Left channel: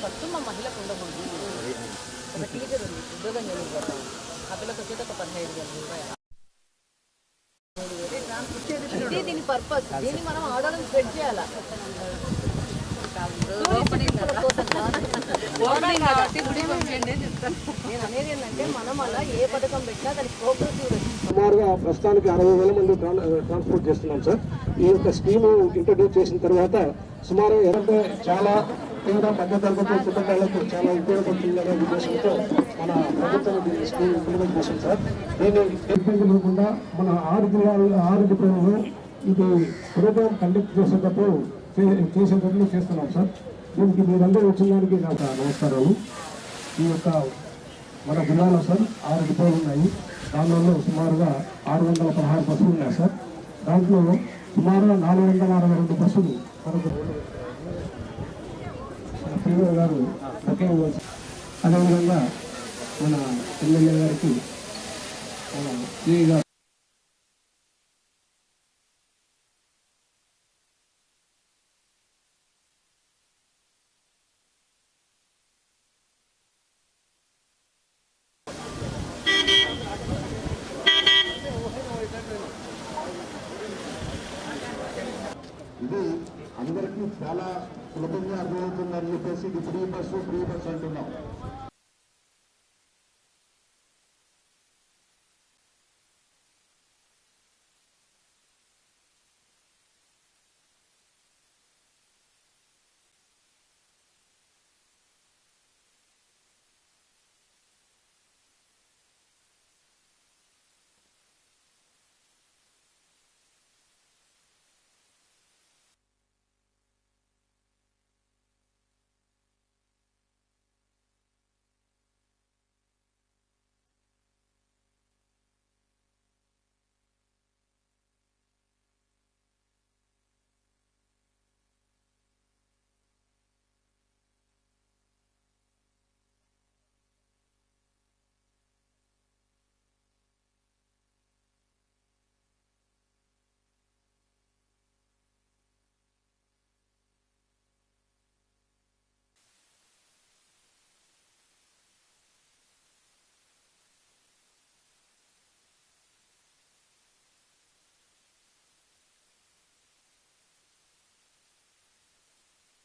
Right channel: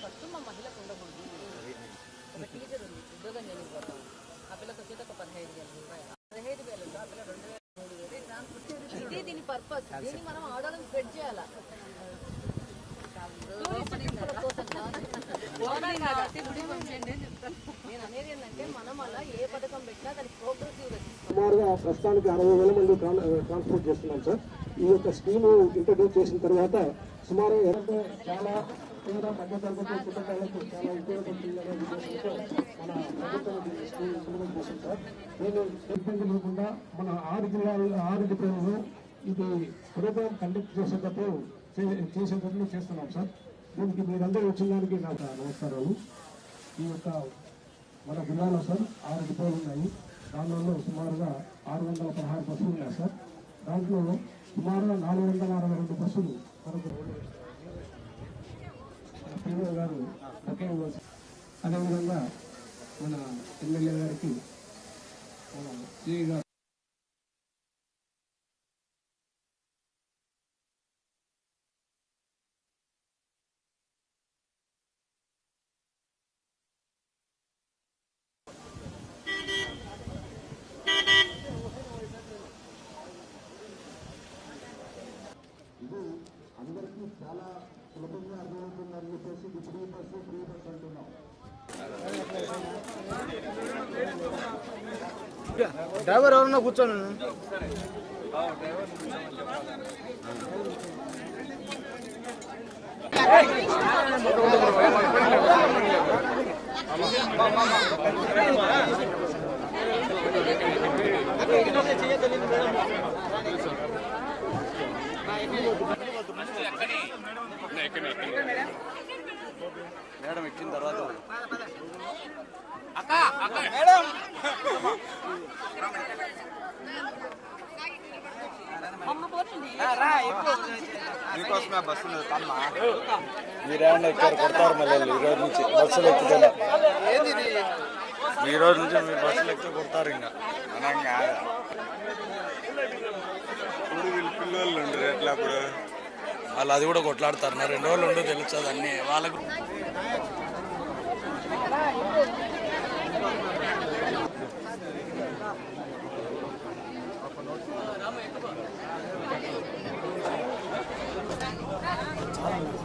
ఖర్చు మా మహిళకు ఉండకూడదు. ఒక టీచర్ ఉంది, ఉద్యోగం చేయకపోతాం, ఆ పిల్లకి వచ్చేది ఒక 15,000 రూపాయలు. 15,000 ఇది దీని పర్పస్. దీన్ని మనం ఆర్డర్ని స్ప్రెడ్ చేయాలి. నేను అనేది ఏంటంటే మనం అలా ఏ పథకం పెట్టినా దానికి ప్రోగ్రెసివ్. సుమారుగా ప్రస్తుతానికి 60,000 మంది ట్రాన్స్పోర్ట్ చేస్తున్నాం సార్. ఈ యొక్క స్కీము ఇంట్రడ్యూస్ చేసిన తర్వాత సుమారు ఎవరైతే చాలా పేద మధ్యతరగతి కుటుంబాలకు చాలా ఉపయోగపడుతుందనే ఉద్దేశంతో మన ప్రభుత్వం దీన్ని స్కీమ్ ఇంప్లిమెంట్ చేసింది సార్. దీన్ని ఇబ్బంది లేకుండా మన 6 డిపోలలో ఇది ప్రోగ్రామ్ కండక్ట్ చేసేటప్పుడు చేస్తున్నాం సార్. దీనికి మీరందరూ వచ్చిన దానికి నాకు నమస్కారాలు. ఈ యొక్క మన జిల్లాలో సార్ 6 డిపోలు ఉన్నాయి. దానిలో సుమారుగా 616 బస్సులు ఉన్నాయి సార్. దాంట్లో సుమారుగా 462 బస్సులు మనకు మన పీఓ గారు ఒకే ఇవ్వచ్చు. అదేవిధంగా మన ఎమ్మెల్యే గారికి మన సిఐ గారు ఇది అందరికీ చాలా సులభంగా అర్థమవుతుందని చెప్పేసి ఇది ఫ్రీ బస్సు అంటున్నాం. డ్రైవర్ ఎవరన్నా కూర్చోను. మేడం ఎక్కిన తర్వాత మీకోసమే బస్సు మీరేమన్నా ఎక్కారు కొడతారు మళ్ళీ ఈ రోజు నుంచి బస్సులు ఎక్కుతాను. ఈ రోజు నుంచి మీరు బస్సులు ఎక్కితే కొడతారు. ఇంకా అనంగా వీళ్ళు పిల్లలు ఉండరు ఎట్లా అప్పుడు వాళ్ళు అది కూడా కొట్లాడతారు. 2 రోజులు ఉండో తెలుస్తుంది అన్నీ వాళ్ళకు.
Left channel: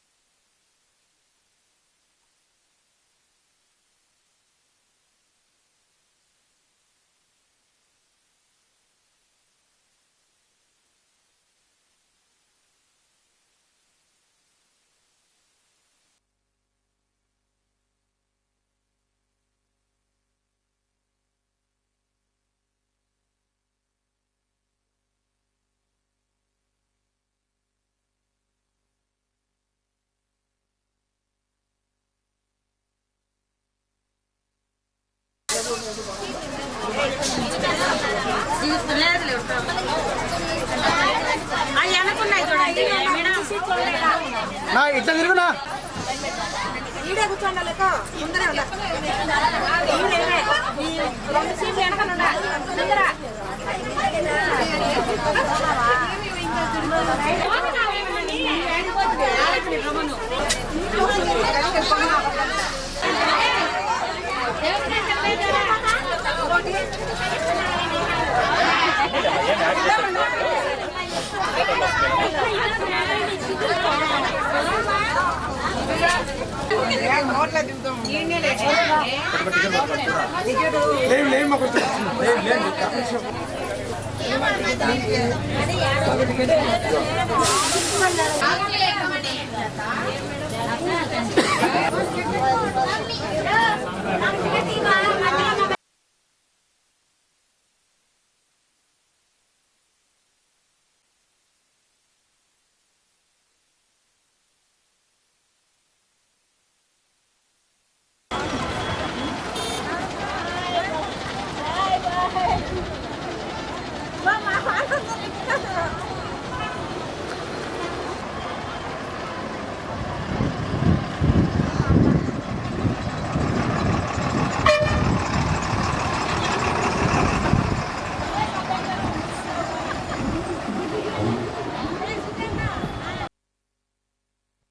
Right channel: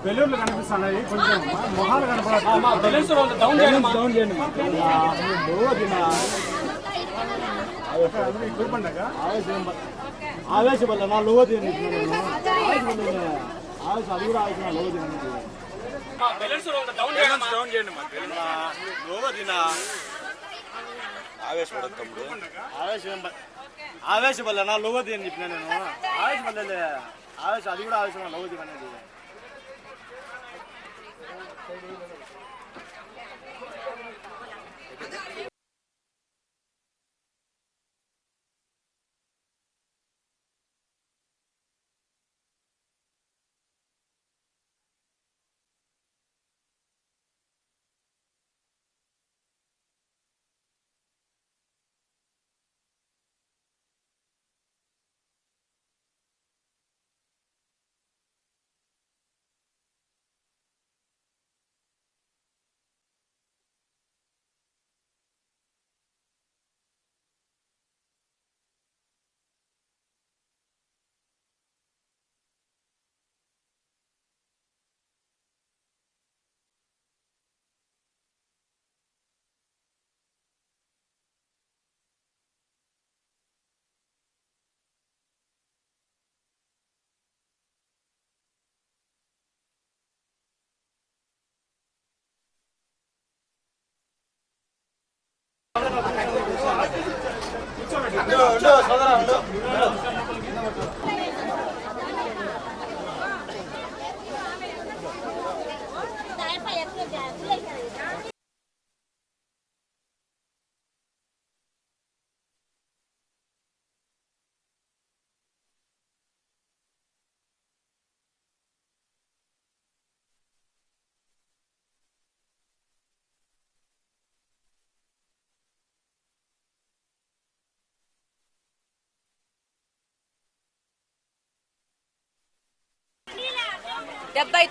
బెలూన్లు కనిపిస్తున్నాయి, కొంచెం మొహాలు కనపడదు. డౌన్ చేయండి. ఆవేశ వల్ల నా లోవ తీయండి. ఆవేశ అది కూడా ఆవేశ లోవ తీయండి. ఆవేశ వల్ల నా లోవ తీయని చెప్పిన నేను. ఆవేశ వల్ల ఆవేశ అది కూడా ఆవేశ లోవ తీయమనేది. ఇట్లా తిరుగునా కూర్చోండి.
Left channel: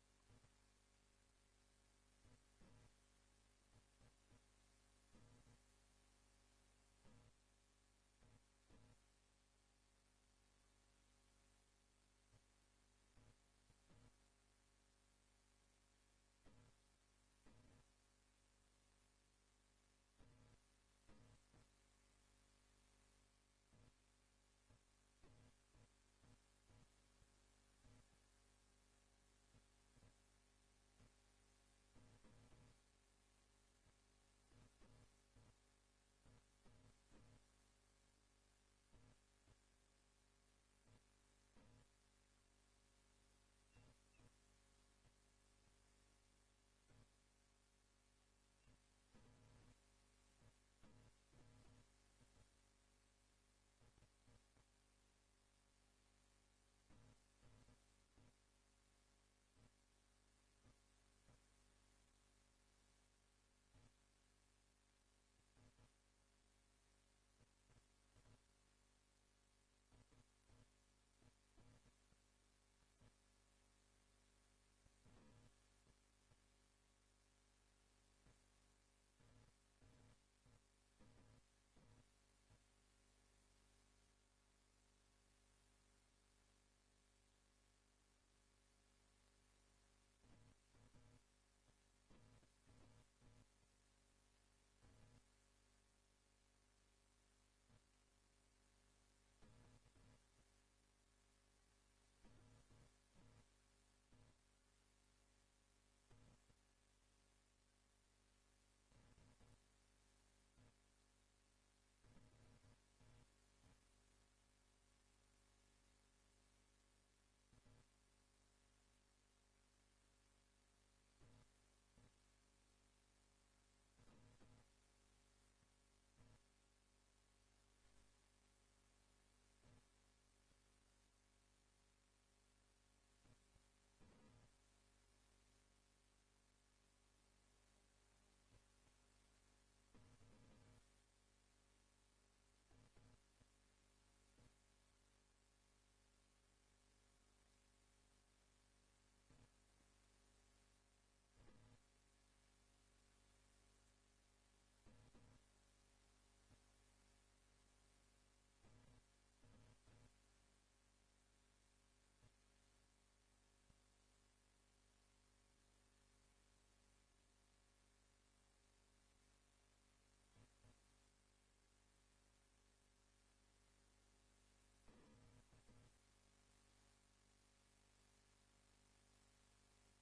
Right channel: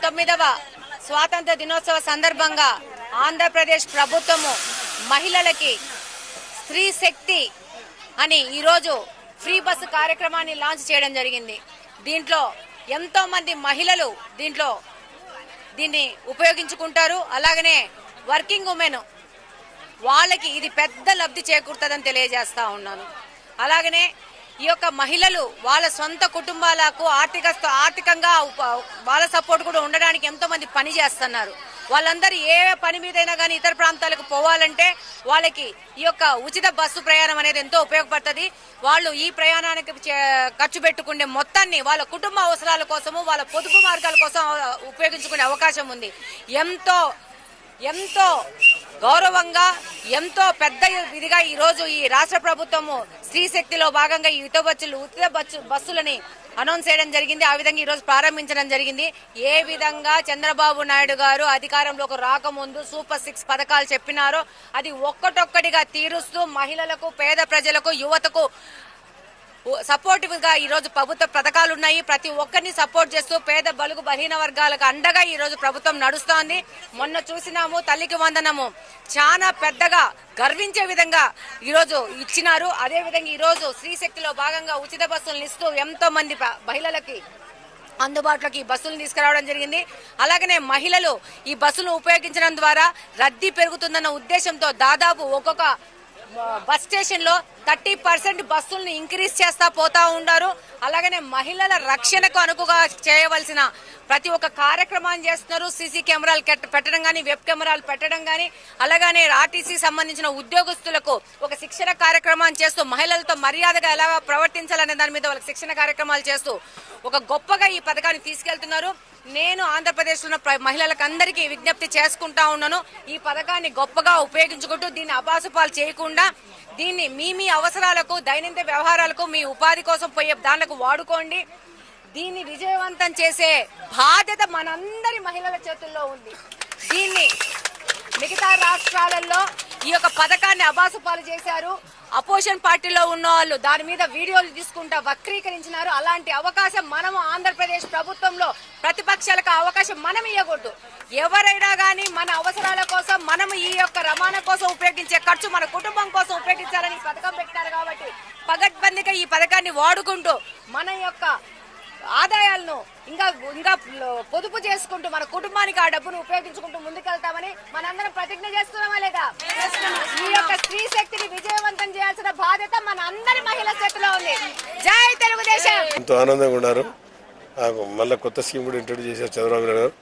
79వ స్వాతంత్ర దినోత్సవ సందర్భంగా ఆంధ్రప్రదేశ్ ప్రభుత్వము మహిళలకి స్త్రీ శక్తి అని ఈరోజు ఫ్రీ బస్సు కార్యక్రమాన్ని లాంచ్ చేయడం జరిగింది. దీంట్లో ఎంతో మంది మహిళలు దీన్ని ఉపయోగించుకుంటారు. అలాగనే వర్కింగ్ ఉమెన్ వాళ్ళకి ఇది పెద్ద లబ్ధి చేకూరుతుందని తెలియజేస్తా ఉన్నాను. అలాగనే ఈ యొక్క మహిళలు వాళ్ళ సొంత కుటుంబాలకు ఆర్థికంగా వాళ్ళ సపోర్ట్ కూడా ఉండడానికి ఎంతో మంది పని చేస్తున్నారు. వాళ్ళందరూ ఏ పని మీదైనా కానీ ఇతర ప్రాంతాలకు పోవాలంటే వాళ్ళకి ఈ యొక్క ఉచిత బస్సు ప్రయాణం అనేది ఎంతో ఉపయోగపడుతుంది. వాళ్ళు ఈ ప్రయాణానికి ఖర్చు పెట్టుకునే మొత్తాన్ని వాళ్ళ కుటుంబ అవసరాల కోసము వాళ్ళ పొదుపు మార్గాల కోసం ఉపయోగించుకునే అవకాశం ఉంది. ఎంతో గౌరవంగా ఎంతో పెద్ద ఇదిగా ఈ రోజు ఈ రాష్ట్ర ప్రభుత్వము స్త్రీ శక్తిలో భాగంగా ఈ ఉచిత బస్సులని అనౌన్స్ చేయడం జరిగింది. ఆ విధంగా ఈ రోజు ప్రారంభించడం జరిగింది. ఏ విధంగా చంద్రబాబు నాయుడు గారు అధికారంలోకి రాకముందు సూపర్ 6 పథకాలు చెప్పినారో అది ఒక్కటొక్కటిగా తీరుస్తూ మహిళలకు, పేద ప్రజలకు, యువతకు సపోర్టివ్ గా ఈ రోజు ప్రభుత్వ పథకాలు ఉన్నాయి. ప్రతి ఒక్కరిని సపోర్ట్ చేస్తూ పేద బలుగు బలహీన వర్గాలకు అండగా ఈ రోజు ప్రభుత్వం నడుస్తోంది. మొన్న చూసినాము తల్లికి వందనము చాలా పెద్దగా గర్వించే విధంగా ఈ రోజు ఇచ్చినారు. అదే విధంగా ఈ రోజు స్త్రీ శక్తిలో భాగంగా ఉచిత బస్సులను ఇస్తూ ఎంతో మంది మహిళలకి అందుబాటులోకి ఈ బస్సులను తీసుకురావడం జరిగింది. అలాగనే మహిళలు ఈ బస్సులను ఉపయోగించడం ద్వారా రద్దీ పెరుగుతుందన్న ఉద్దేశంతో దాదాపు ఒక్కొక్క బస్ స్టేషన్ లో 30% బస్సులను ఇంక్రీజ్ చేస్తా పోతా ఉన్నారు. అలాగనే మహిళల రక్షణకు అనుకుగా చేయవలసిన ప్రతి ఒక్క కార్యక్రమాన్ని చేస్తున్నారు. సీసీ కెమెరాలు పెట్టడం కానీ, వెబ్ కెమెరాలు పెట్టడం కానీ, అలాగనే ఆర్టీసీ సంబంధించిన ఉద్యోగస్తులకు ఒక శిక్షణ కార్యక్రమాన్ని చేస్తూ మహిళలతో మర్యాదగా ఎలా ప్రవర్తించాలనే దాని మీద వాళ్ళకి శిక్షణ కార్యక్రమాలు చేస్తూ ఒక గొప్పగా ఈ పథకాన్ని తీసుకెళ్తున్నారు. నేను ఆంధ్రప్రదేశ్ లో మహిళలకు అందరికీ విజ్ఞప్తి చేసుకుంటా ఉన్నాను. ఈ పథకాన్ని గొప్పగా ఉపయోగించుకుంటూ దీన్ని అబాసుపాలు చేయకుండా దీన్ని మీ అవసరాలకు, దైనందిన వ్యవహారాలకు, మీ ఉపాధి కోసం పోయే దానికి వాడుకోండి. దీన్ని విజయవంతం చేసే బాధ్యత మనందరి మహిళల చేతుల్లో ఉంది. దీన్ని మిగతా రాష్ట్రాలలో ఈ యొక్క పథకాన్ని అబాసుపాలు చేశారు. అపోజిషన్ పార్టీలో ఉన్న వాళ్ళు దాని మీద వీడియోలు తీసుకుంటా వక్రీకరించినారు. అలాంటి అవకాశం మనము ఆంధ్రప్రదేశ్ ప్రభుత్వంలో ప్రతిపక్షాలకు అవకాశం మనం ఇవ్వకూడదు. ఎవరైనా కానీ మన అవసరాల కోసం మనము ఈ యొక్క రవాణా కోసం ఉపయోగించే ఖర్చు మన కుటుంబం కోసం ఉపయోగించాలని పథకం పెట్టారు. కాబట్టి పగడ్బందీగా ఈ పథకాన్ని వాడుకుంటూ మన యొక్క ఆదాయాలను ఇంకా పొదుపు చేసుకుంటూ మన కుటుంబానికి ఆ డబ్బును ఉపయోగించుకుంటూ ముందుకెళ్తామని మనందరం ప్రతిజ్ఞ చేస్తున్నామా లేదా? ఈ యొక్క స్త్రీ శక్తిని విజయవంతం చేయాల్సిన బాధ్యత మన అందరి మహిళల చేతిలో ఉంది. జై తెలుగుదేశం. ఎంతో ఆనందంగా ఉన్నారు. మళ్ళీ కొత్త స్కీమ్ కూడా ఇంట్రొడ్యూస్ చేశారు చంద్రబాబు నాయుడు గారు.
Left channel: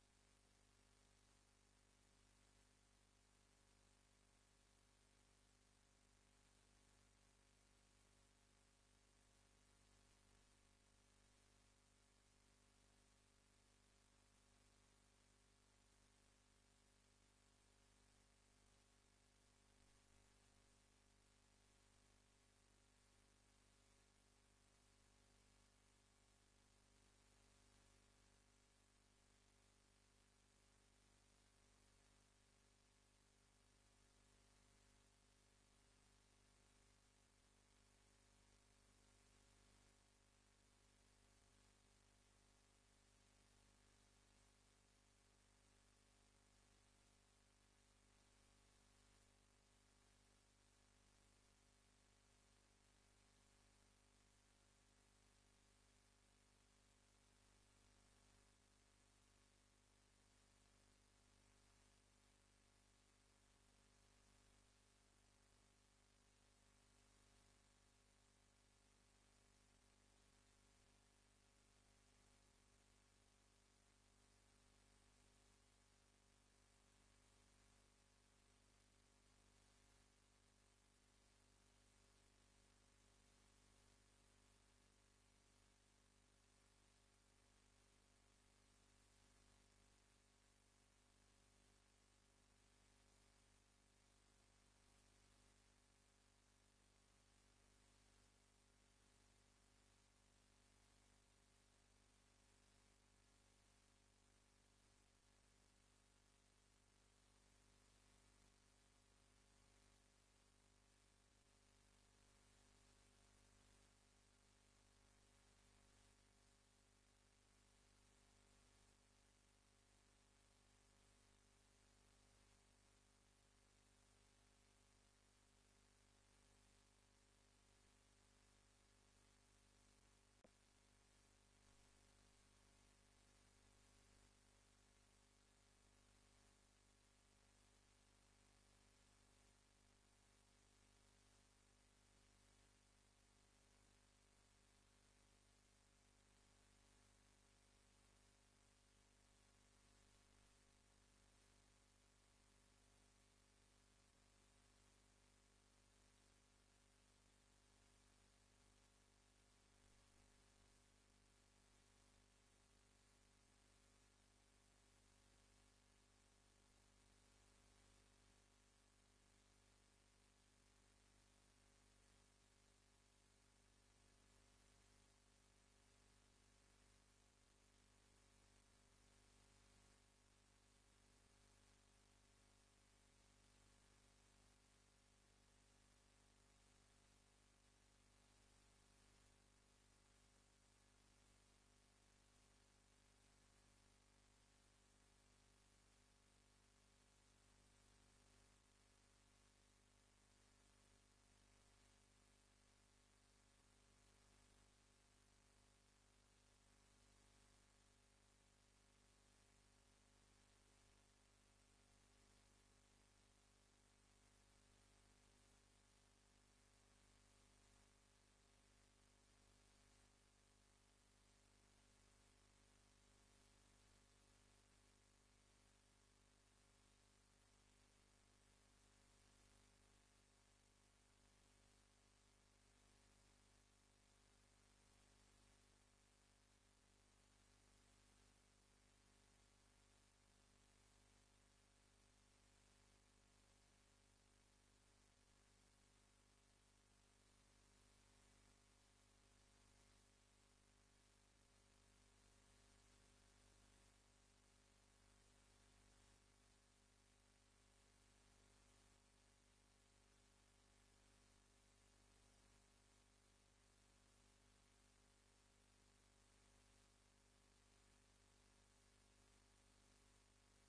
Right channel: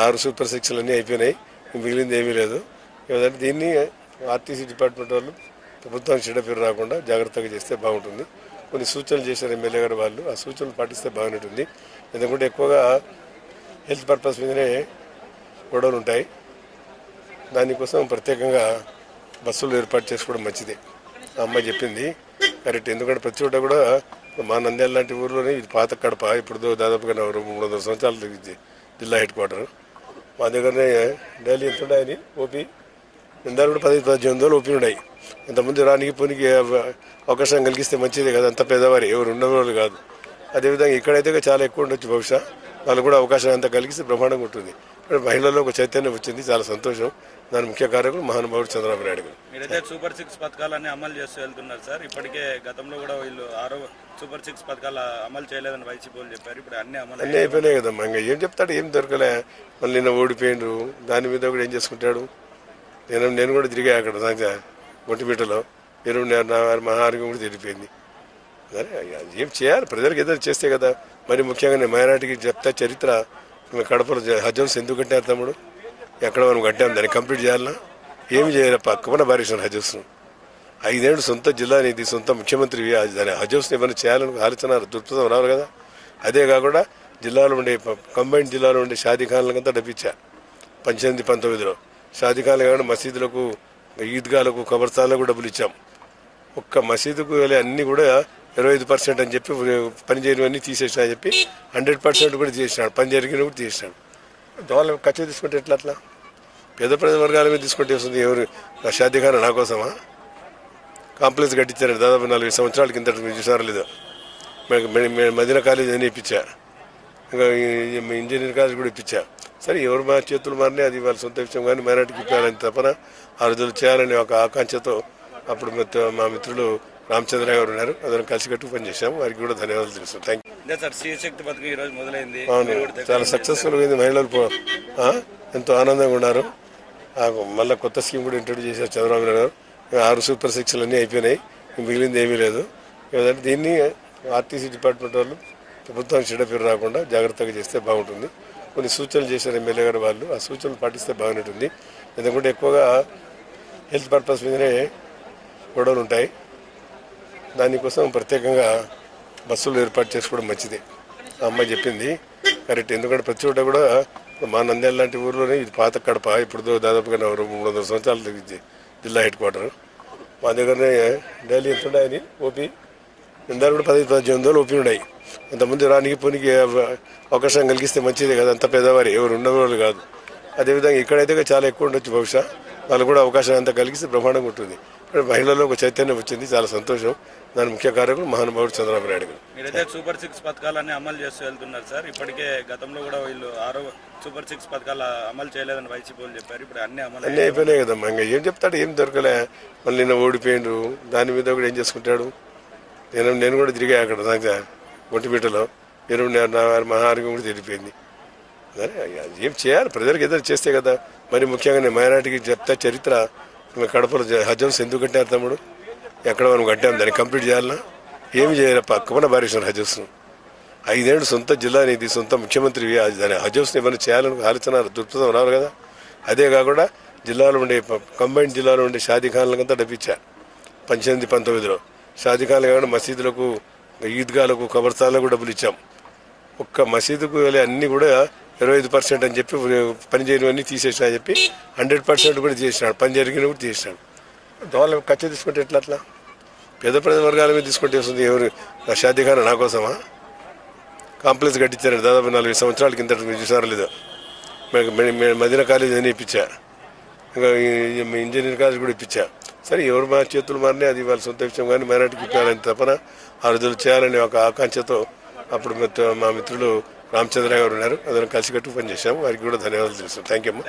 6 సూపర్ 6లు అన్నీ అయిపోయినాయి, మిగిలింది ఏమీ లేదు. దీన్ని ఆర్టీసీ డిపార్ట్మెంట్ వాళ్ళు ప్రభుత్వానికి చెడ్డ పేరు రాకుండా జాగ్రత్తగా చేస్తే బాగుంటుంది. కొన్ని సూచనలు చేశారు ఎమ్మెల్యే గారు. వాళ్ళు ఆ సూచనలు పాటిస్తే బాగుంటుంది. ఎందుకంటే ఎక్కువగా హెల్త్ పర్పస్ మీదనే గొడవలు ఉంటాయి. దానికోసం ప్రత్యేకంగా బస్సులు ఏర్పాటు చేసుకోవడం మంచిదే. ఆ అమ్మాయి చెప్పింది కరెక్ట్. ఎందుకంటే ప్రతి చోట కూడా మా నంద్యాల లాంటి ఊర్లోనే ఇది పాత కడప, ఇప్పుడు దాదాపుగా 300 సంవత్సరాలు జిల్లా హెడ్ క్వార్టర్. మా దగ్గరనే డైలీ ఎంత ఉన్నాయని ఓపీ నిందాలు కూడా 10-18 రోజులు ఓపీ ఉన్నాయి. ఇంతకుముందు రానికి పోనీకి అవకాశం కలిగిస్తే మంచిదే కదా. అంత పేదవారు ఎవరు ఉన్నవాళ్ళు కాదు. అదేవిధంగా ఇక్కడైతే చాలా ఎక్కువ ఉండొచ్చు. బహుశా వాళ్ళు కూడా అవకాశం అంతా కలిగిస్తే బ్రహ్మాండంగా ఉంటుంది. మహిళల్లో ఒక చైతన్యం వచ్చింది, చాలా సంతోషం. దాని ముఖ్య కారకులు మహానుభావుడు చంద్రబాబు నాయుడు గారు. మీరైతే సూపర్ 6 పథకాలన్నీ అమలు చేస్తూ వెళ్తున్నారు సార్. ఇప్పటికే గతంలో కూడా వీళ్ళు 6 సూపర్ 6 పథకాలు అమలు చేయలేదని వైసీపీ వాళ్ళు చెప్పారు. ఇప్పుడు అన్ని అయిపోయినాయి కదమ్మా. ఇంకా ఏం చెప్తాడు, ఏం దొరకలే. మళ్ళీ నిన్న ఓడిపోయిండు, దాని మీద కూడా ఏం చేసుకుంటాడు. నేను కూడా తిరిగా అక్కడ ఒంటిమిట్టలో 20 మా ఆరోగ్యం కూడా తిరిగిపోయింది. సరే ఏం చేయాలి, ప్రజలకు ఏదైనా చేస్తే కదా. మరి ముఖ్యంగా మైనార్టీకి చెప్తా చరిత్ర. కడపలో హజ్ హౌస్ ఎందుకు కట్టారు తమ్ముడు? ఎక్కడ మనం కట్టాము, దాన్ని కంప్లీట్ చేయాలన్నా ఏమి చేయాలి? పక్కన భారీసాను హజ్ హౌస్ను. 5 ఏళ్ళు సొంత జిల్లా నీది, సొంత ముఖ్యమంత్రి దాని హజ్ హౌస్ని ఏమైనా చేయాలని ఆలోచన దృక్పథం రావాలి కదా. అదే కాకుండా జిల్లాలో ఉండే కంబైన్డ్ జిల్లాలో ఉండే షాదీ ఖాన్లకంతా డబ్బిచ్చా 18-19లో. షాదీఖాన్లు కాకుండా మసీదులకు, ఈద్గాలకు, కబర్స్థాన్లకు డబ్బులు ఇచ్చాం. ఒక్క మసీదుకు వెళ్ళి అన్నీ కూడా 25% అని చెప్పి పని చేయనివన్నీ తీసేసినా అని చెప్పి 100% కూడా తీసేసినాడు. పని జరిగిన కూడా తీసేసినాడు. వాళ్ళ ఖర్చు తీసుకుంటే ఎట్లా? అట్లా పేద వర్గాల మీద తీసుకుంటే వస్తుంది. ఎవరు నా షాదీఖానా నా కోసమా? కాంప్లెక్స్ కట్టించారు దాదాపు 40 సంవత్సరాల కింద, చూసారా లేదా? మదీనా కాలేజ్ అని ఇప్పించా, ఇంకా ఇంజనీరింగ్ కాలేజ్ కూడా ఇప్పించా. సరే ఎవరు మా చేతులు మారినాయి, అది వాళ్ళ సొంత విషయం. కానీ మైనార్టీకి ఇప్పాలని తపన ఆ రోజులు చేయాలనే ఒక ఆకాంక్షతో అప్పుడు మా మిత్రులు రామచంద్ర గారు ఉన్నారు, అందరం కలిసికట్టు పనిచేసాము. వారికి కూడా ధన్యవాదాలు తెలుస్తాం. Thank you. సార్, స్త్రీ శక్తి పథకం ఈ రోజు మొదలైంది. అవును, చాలా సక్సెస్ఫుల్ అయింది. మహిళలు ఎంతో ఆనందంగా ఉన్నారు. మళ్ళీ కొత్త స్కీమ్ కూడా ఇంట్రొడ్యూస్ చేశారు చంద్రబాబు నాయుడు గారు. 6 సూపర్ సిక్స్లు అన్నీ అయిపోయినాయి, మిగిలింది ఏమీ లేదు. ఏదంటే దీన్ని ఆర్టీసీ డిపార్ట్మెంట్ వాళ్ళు ప్రభుత్వానికి చెడ్డ పేరు రాకుండా జాగ్రత్తగా చేస్తే బాగుంటుంది. కొన్ని సూచనలు చేశారు ఎమ్మెల్యే గారు, వాళ్ళు ఆ సూచనలు పాటిస్తే బాగుంటుంది. ఎందుకంటే ఎక్కువగా హెల్త్ పర్పస్ మీదనే గొడవలు ఉంటాయి. దానికోసం ప్రత్యేకంగా బస్సులు ఏర్పాటు చేసుకోవడం మంచిది. ఆ అమ్మాయి చెప్పింది కరెక్ట్. ఎందుకంటే ప్రతి చోట కూడా మా నంద్యాల లాంటి ఊర్లోనే ఇది పాత కడప, ఇప్పుడు దాదాపుగా 300 సంవత్సరాలు జిల్లా హెడ్ క్వార్టర్. మా దగ్గరనే డైలీ ఎంత ఉన్నాయని ఓపీ ఇందాక కూడా 10-18 ఓపీ ఉన్నాయి. అంతమంది రానికి పోనీకి అవకాశం కలిగిస్తే మంచిదే కదా. అంత పేదవారు ఎవరు ఉన్నవాళ్ళు కాదు. అదేవిధంగా ఇక్కడైతే చాలా ఎక్కువ ఉండొచ్చు. బహుశా వాళ్ళు కూడా అవకాశం అంతా కలిగిస్తే బ్రహ్మాండంగా ఉంటుంది. మహిళల్లో ఒక చైతన్యం వచ్చింది, చాలా సంతోషం. దాని ముఖ్య కారకులు మహానుభావుడు చంద్రబాబు నాయుడు గారు. మీరైతే సూపర్ 6 పథకాలన్నీ అమలు చేస్తూ వెళ్తున్నారు సార్. ఇప్పటికే గతంలో కూడా వీళ్ళు 6 సూపర్ 6 పథకాలు అమలు చేయలేదని వైసీపీ వాళ్ళు చెప్పారు. ఇప్పుడు అన్ని అయిపోయినాయి కదమ్మా. ఇంకా ఏం చెప్తాడు? ఏం దొరకలే. మళ్ళీ నిన్న ఓడిపోయిండు, దాని మీద కూడా ఏం చేసుకుంటాడు? నేను కూడా తిరిగా అక్కడ నాకు ఒంటిపేటలో. నా ఆరోగ్యం కూడా తెలిపోయింది. ఏం చేయాలి? ప్రజలకు ఏదైనా చేస్తే కదా. మరి ముఖ్యంగా నేను మైనార్టీకి చెప్తా చరిత్ర. కడపలో హజ్ హౌస్ ఎందుకు కట్టారు తమ్ముడు? ఎక్కడ మనం కట్టాము, దాన్ని కంప్లీట్ చేయాలన్నా? ఏమి చేయాలి? పక్కన భారీశ్వరం హజ్ హౌస్ను 5 ఏళ్ళు సొంత జిల్లా నీది, సొంత ముఖ్యమంత్రివి. దాని హజ్ హౌస్ని ఏమైనా చేయాలని ఆలోచన దృక్పథం రావాలి కదా. అదే కాకుండా జిల్లాలో ఉండే కంబైన్డ్ జిల్లాలో ఉండే షాదీఖాన్లకంతా డబ్బిచ్చా 18-19లో. షాదీఖాన్లు కాకుండా మసీదులకు, ఈద్గాలకు, కబర్స్థాన్లకు డబ్బులు ఇచ్చాం. ఒక్క మసీదుకు వెళ్ళి అన్నీ కూడా 25% అని చెప్పి పని చేయనివన్నీ తీసేసినా అని చెప్పి 100% కూడా తీసేసినాడు. పని జరిగిన కూడా తీసేసినాడు. వాళ్ళ ఖర్చు తీసుకుంటే ఎట్లా? అట్లా పేద వర్గాల మీద తీసుకుంటే వస్తుంది. ఎవరు నా షాదీఖానా నా కోసమా? కాంప్లెక్స్ కట్టించారు దాదాపు 40 సంవత్సరాల కింద, చూసారా లేదా? మదీనా కాలేజ్ అని ఇప్పించా, ఇంకా ఇంజనీరింగ్ కాలేజ్ కూడా ఇప్పించా. సరే ఎవరు మా చేతులు మారినాయి, అది వాళ్ళ సొంత విషయం. కానీ మైనార్టీకి ఇప్పాలని తపన ఆ రోజులు చేయాలనే ఒక ఆకాంక్షతో అప్పుడు మా మిత్రులు రామచంద్ర గారు ఉన్నారు, అందరం కలిసికట్టు పనిచేసాము. వారికి కూడా ధన్యవాదాలు తెలుస్తాం. థ్యాంక్ యూ అమ్మా.